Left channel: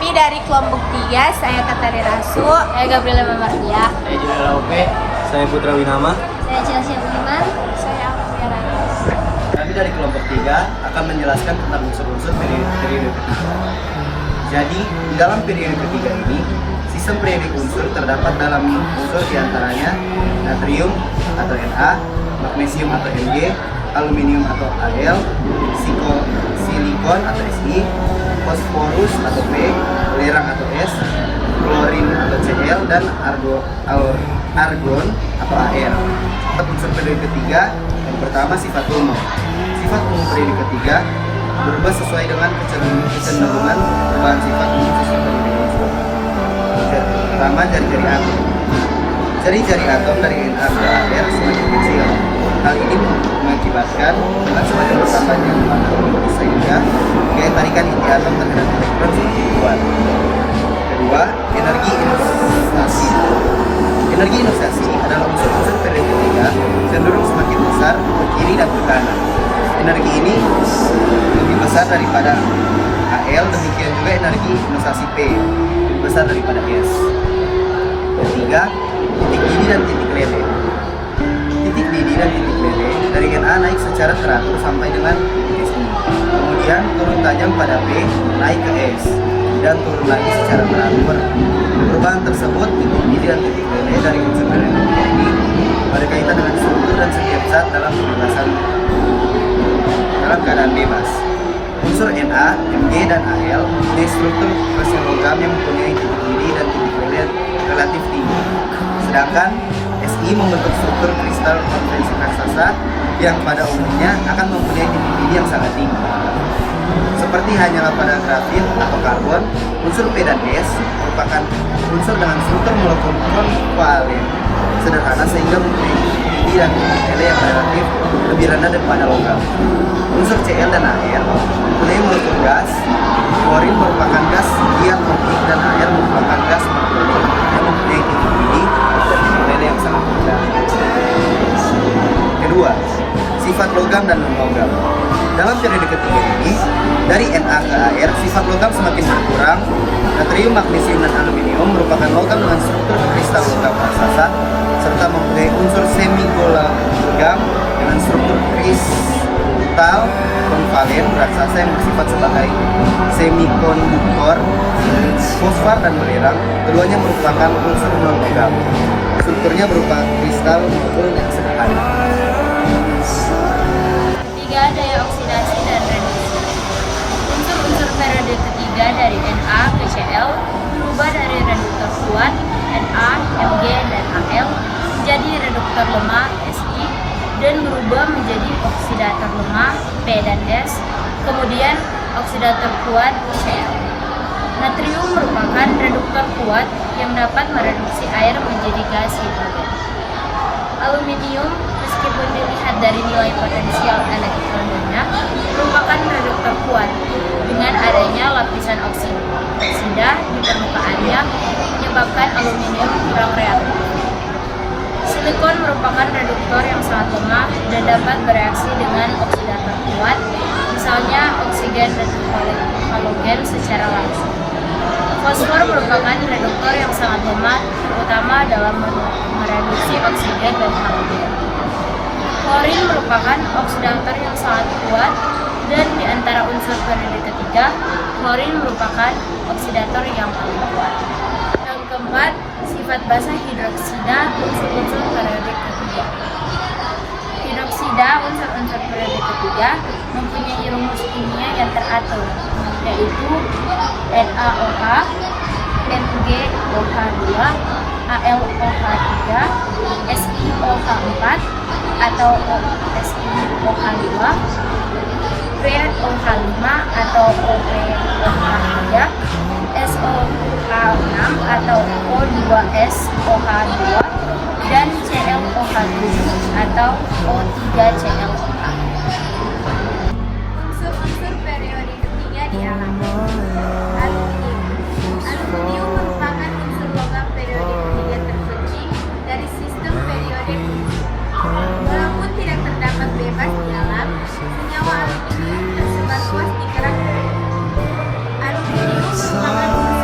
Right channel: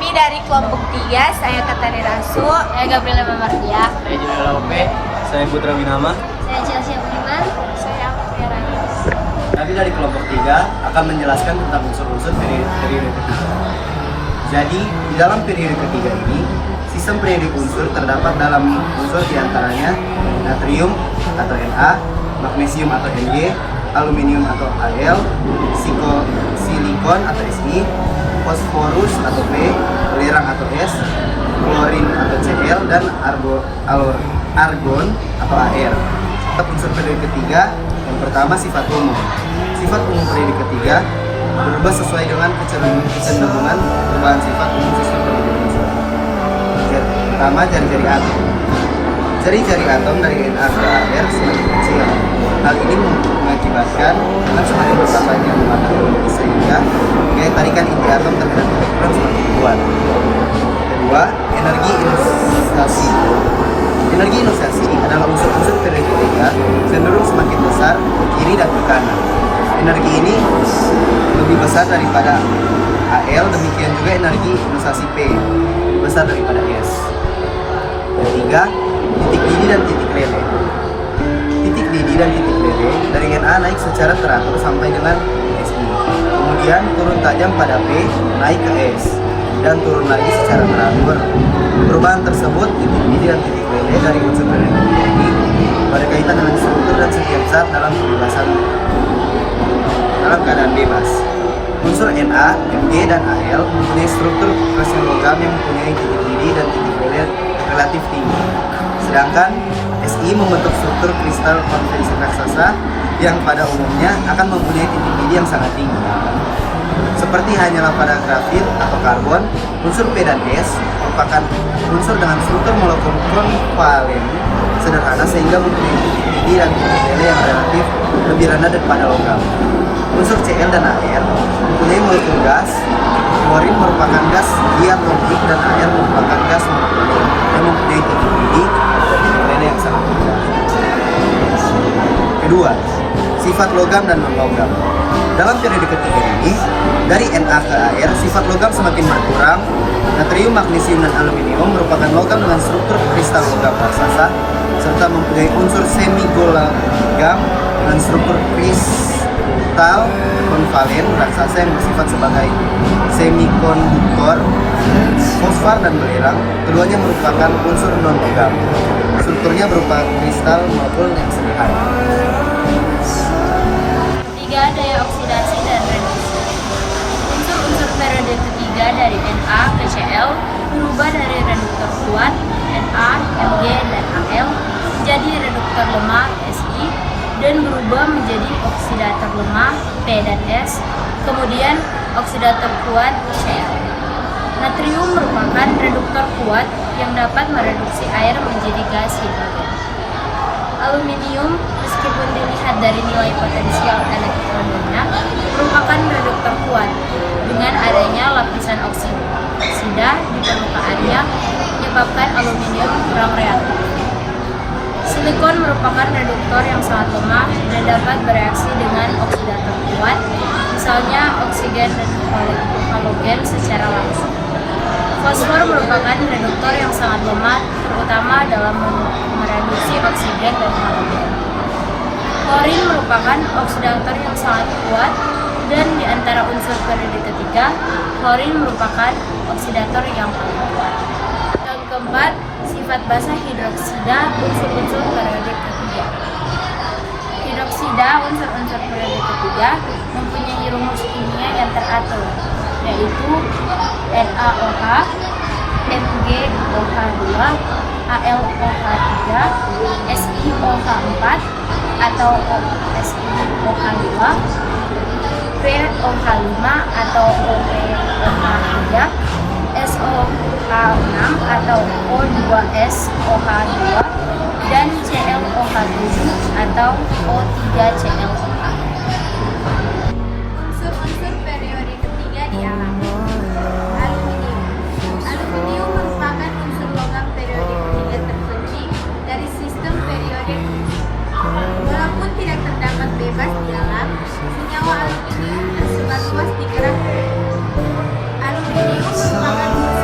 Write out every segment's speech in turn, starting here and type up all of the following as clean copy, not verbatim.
Kami dari kelompok 3, saya Katari Rasu, saya Gabriela Mamardia, Saya Julian Ope. Saya Putra Winama. Saya Chelsea Budiman. saya Tiara Yus. Kami dari kelompok 3 akan menjelaskan tentang unsur-unsur periode ketiga. Jadi, di dalam periode ketiga ini, sistem periode unsur terdapat dalam unsur diantaranya natrium atau Na, magnesium atau Mg, aluminium atau Al, silikon atau Si, fosforus atau P, belerang atau S, klorin atau Cl, dan argon atau Ar. Sifat unsur periode ketiga, yang pertama sifat umum. Sifat umum periode ketiga berubah sesuai dengan kecenderungan perubahan sifat umum sistem periode unsur. Pertama, jari-jari atom. Jari-jari atom dari Na ke Ar semakin kecil. Hal ini mengakibatkan dengan semakin bertambahnya muatan inti sehingga gaya tarikan inti atom terhadap elektron semakin kuat. Kedua, energi ionisasi. Energi ionisasi adalah unsur-unsur periode ketiga cenderung semakin besar ke kiri dan ke kanan. Energi ini lebih besar daripada Al, demikian juga energi ionisasi P lebih besar daripada S. Ketiga, titik didih dan titik lele. Titik didih dan titik lele dari Na naik secara teratur sampai dengan Si. Kemudian turun tajam pada P naik ke S dan turun lagi secara teratur. Perubahan tersebut titik didih dan titik lele dari unsur periode ini berkaitan dengan struktur dan setiap zat dalam penjelasan dalam keadaan bebas. Unsur Na, Mg, dan Al mempunyai struktur fosil logam yang mempunyai titik didih dan titik lele relatif tinggi. Sedangkan Si membentuk struktur kristal konvensi raksasa yang pada umumnya akan mempunyai titik didih yang sangat tinggi. Seperti hanyalah pada grafit atau karbon, unsur P dan S merupakan unsur dengan struktur molekul konvalen sederhana sehingga mempunyai titik didih dan titik lele yang relatif lebih rendah daripada logam. Unsur Cl dan Ar mempunyai molekul gas. Klorin merupakan gas diatomic dan Ar merupakan gas yang mempunyai titik didih dan titik lele yang sangat rendah. Kedua, sifat logam dan non-logam. Dalam periode ketiga ini, dari Na ke Ar, sifat logam semakin berkurang. Natrium, magnesium, dan aluminium merupakan logam dengan struktur kristal logam raksasa serta mempunyai unsur semi-logam dengan struktur kristal konvalen raksasa yang bersifat sebagai semikonduktor. Fosfor dan belerang, keduanya merupakan unsur non-logam. Strukturnya berupa kristal molekul yang sederhana. Ketiga, daya oksidasi dan reduksi. Unsur-unsur periode ketiga dari Na ke Cl berubah dari reduktor kuat Na, Mg, dan Al menjadi reduktor lemah Si dan berubah menjadi oksidator lemah P dan S, kemudian oksidator kuat Cl. Natrium merupakan reduktor kuat yang dapat mereduksi air menjadi gas hidrogen. Aluminium, meskipun dilihat dari nilai potensial elektronnya, merupakan reduktor kuat. Dengan adanya lapisan oksida di permukaannya, menyebabkan aluminium kurang reaktif. Silikon merupakan reduktor yang sangat lemah dan dapat bereaksi dengan oksidator kuat, misalnya oksigen dan halogen secara langsung. Fosfor merupakan reduktor yang sangat lemah, terutama dalam mereduksi oksigen dan halogen. Klorin merupakan oksidator yang sangat kuat, dan di antara unsur periode ketiga, klorin merupakan oksidator yang paling kuat. Yang keempat, sifat basa hidroksida unsur-unsur periode ketiga. Hidroksida unsur-unsur periode ketiga mempunyai rumus kimia yang teratur, yaitu NaOH, MgOH2, AlOH3, SiOH4 atau SiOH5, POH5 atau OPOH3, SOH6 atau O2SOH2, dan ClOH7 atau O3ClOH. Unsur-unsur periode ketiga di alam. Aluminium merupakan unsur logam periode ketiga terpenting dari sistem periode. Walaupun tidak terdapat bebas di alam, senyawa aluminium tersebar luas di kerak. Aluminium merupakan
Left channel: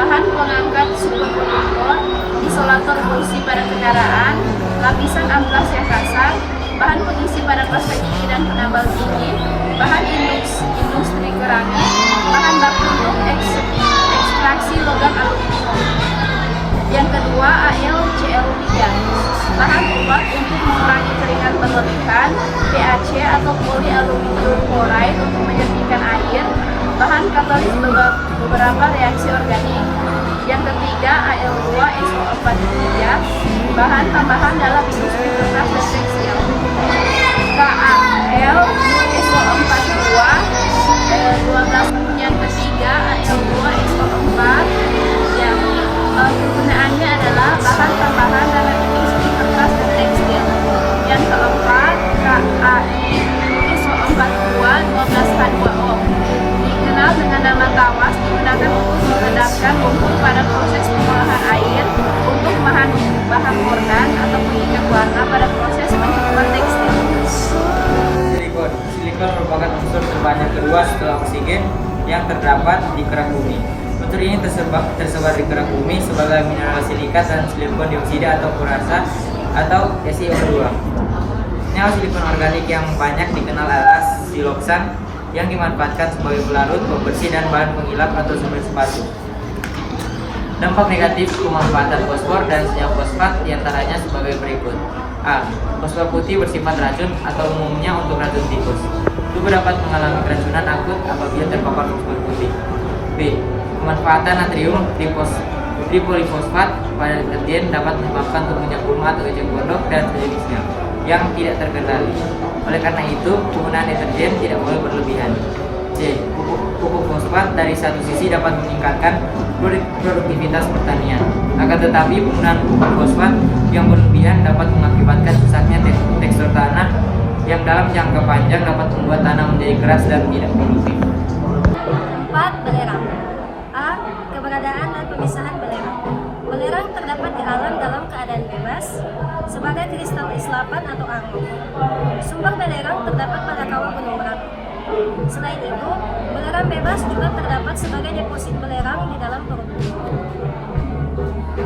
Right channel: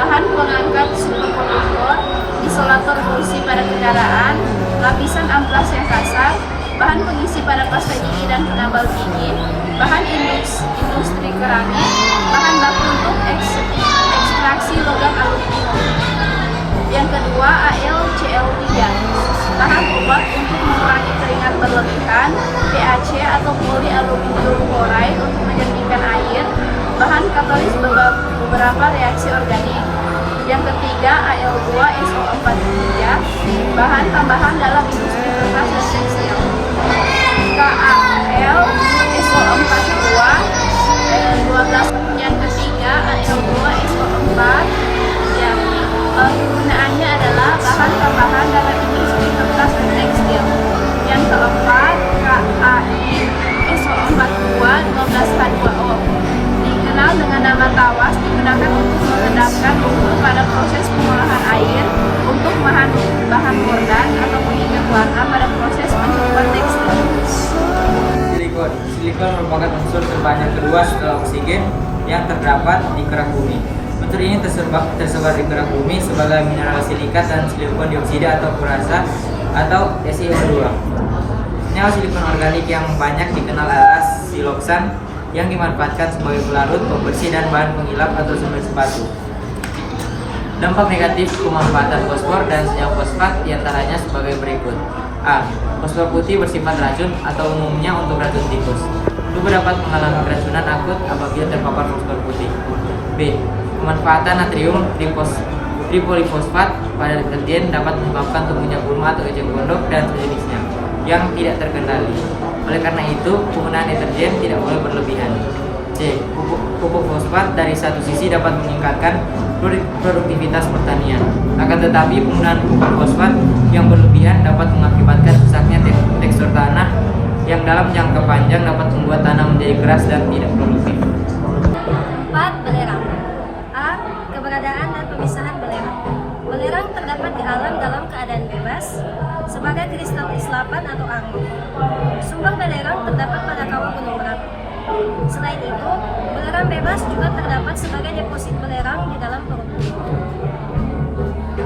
bahan pengangkat superkonduktor, isolator pengisi pada kendaraan, lapisan amplas yang kasar, bahan pengisi pada pasta gigi dan penambal dingin, bahan industri keramik, bahan baku untuk ekstraksi logam aluminium. Yang kedua, AlCl3, bahan obat untuk mengurangi keringat berlebihan, PAC atau polyaluminium chloride untuk menyertikan air, bahan katalis beberapa reaksi organik. Yang ketiga, Al2SO43, bahan tambahan dalam industri kertas dan tekstil. KAlSO42 12. Yang ketiga, Al2SO4, yang kegunaannya adalah bahan tambahan dalam industri kertas dan tekstil. Yang keempat, KAiSO42 12H2O, dikenal dengan nama tawas, digunakan untuk mengendapkan lumpur pada proses pengolahan air untuk bahan kordan atau pengikat warna pada proses pencukupan tekstil. Silikon merupakan unsur terbanyak kedua setelah oksigen yang terdapat di kerang bumi. Unsur ini tersebar di kerang bumi sebagai mineral silikat dan silikon dioksida atau kurasa atau SiO2. Senyawa silikon organik yang banyak dikenal adalah siloksan yang dimanfaatkan sebagai pelarut, pembersih, dan bahan pengilap atau semen sepatu. Dampak negatif pemanfaatan fosfor dan senyawa fosfat diantaranya sebagai berikut. A. Fosfor putih bersifat racun atau umumnya untuk racun tikus. Tubuh dapat mengalami keracunan akut apabila terpapar fosfor putih. B. Pemanfaatan natrium tripolifosfat pada deterjen dapat menyebabkan tumbuhnya gulma atau ejek gondok dan sejenisnya yang tidak terkendali. Oleh karena itu, penggunaan deterjen tidak boleh berlebihan. C. Pupuk fosfat dari satu sisi dapat meningkatkan produktivitas pertanian. Akan tetapi, penggunaan pupuk fosfat yang berlebihan dapat mengakibatkan rusaknya tekstur tanah yang dalam jangka panjang dapat membuat tanah menjadi keras dan tidak produktif. 4. Belerang. A. Keberadaan dan pemisahan belerang. Belerang terdapat di alam dalam keadaan bebas sebagai kristal islapan atau armor. Sumber belerang terdapat pada kawah gunung Merapi. Selain itu, belerang bebas juga terdapat sebagai deposit belerang di dalam perut.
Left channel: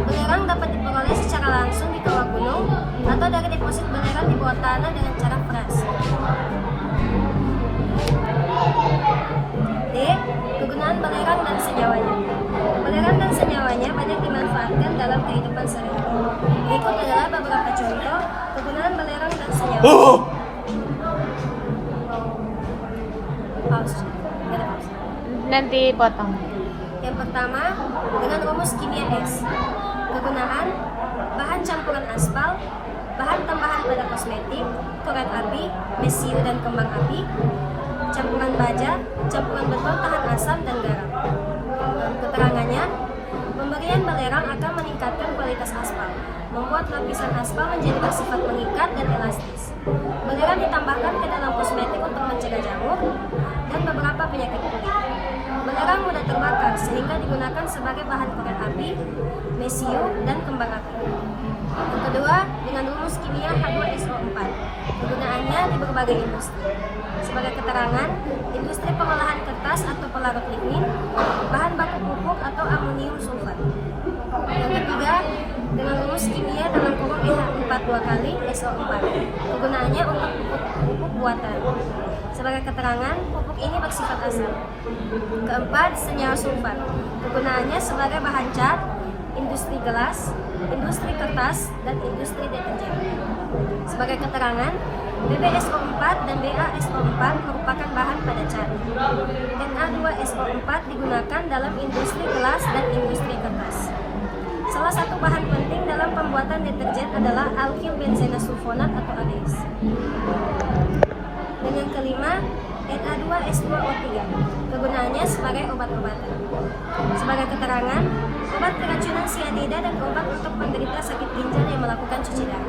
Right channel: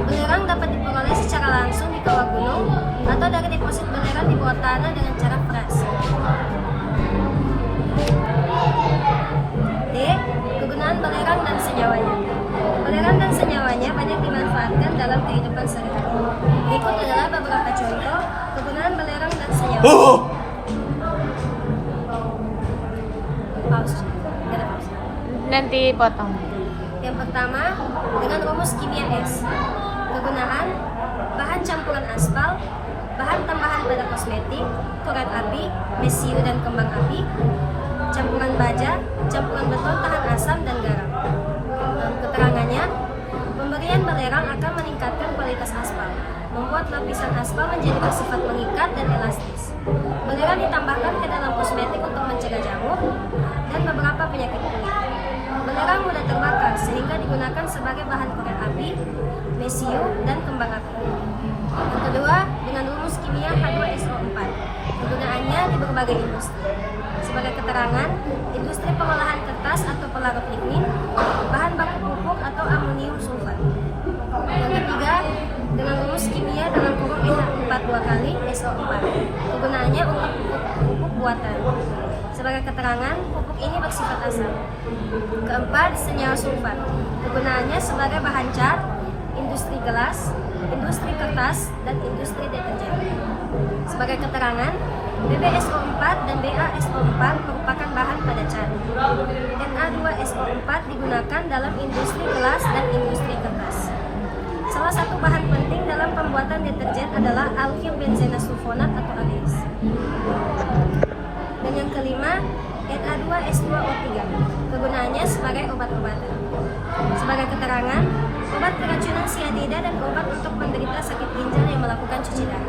Belerang dapat diperoleh secara langsung di kawah gunung atau dari deposit belerang di bawah tanah dengan cara frasi. D. Kegunaan belerang dan senyawanya. Belerang dan senyawanya banyak dimanfaatkan dalam kehidupan sehari-hari. Berikut adalah beberapa contoh kegunaan belerang dan senyawa. Pause. Nanti potong. Yang pertama, dengan rumus kimia S. Kegunaan: bahan campuran aspal, bahan tambahan pada kosmetik, korek api, mesiu dan kembang api, campuran baja, campuran beton tahan asam dan garam. Keterangannya, pemberian belerang akan meningkatkan kualitas aspal, membuat lapisan aspal menjadi bersifat mengikat dan elastis. Belerang ditambahkan ke dalam kosmetik untuk mencegah jamur dan beberapa penyakit kulit. Belerang mudah terbakar sehingga digunakan sebagai bahan korek api, mesiu, dan kembang api. Yang kedua, dengan rumus kimia H2SO4. Kegunaannya di berbagai industri. Sebagai keterangan, industri pengolahan kertas atau pelarut lignin, bahan baku pupuk atau amonium sulfat. Yang ketiga, dengan rumus kimia dalam kurung NH4 2 kali SO4. Kegunaannya untuk pupuk buatan. Sebagai keterangan, pupuk ini bersifat asam. Keempat, senyawa sulfat. Kegunaannya sebagai bahan cat, industri gelas, industri kertas, dan industri deterjen. Sebagai keterangan, BbSO4 dan BaSO4 merupakan bahan pada cat. Na2SO4 digunakan dalam industri gelas dan industri kertas. Salah satu bahan penting dalam pembuatan deterjen adalah alkyl benzena sulfonat atau ABS. Dan yang kelima, Na2S2O3. Kegunaannya sebagai obat-obatan. Sebagai keterangan, obat keracunan sianida dan obat untuk penderita sakit ginjal yang melakukan cuci darah.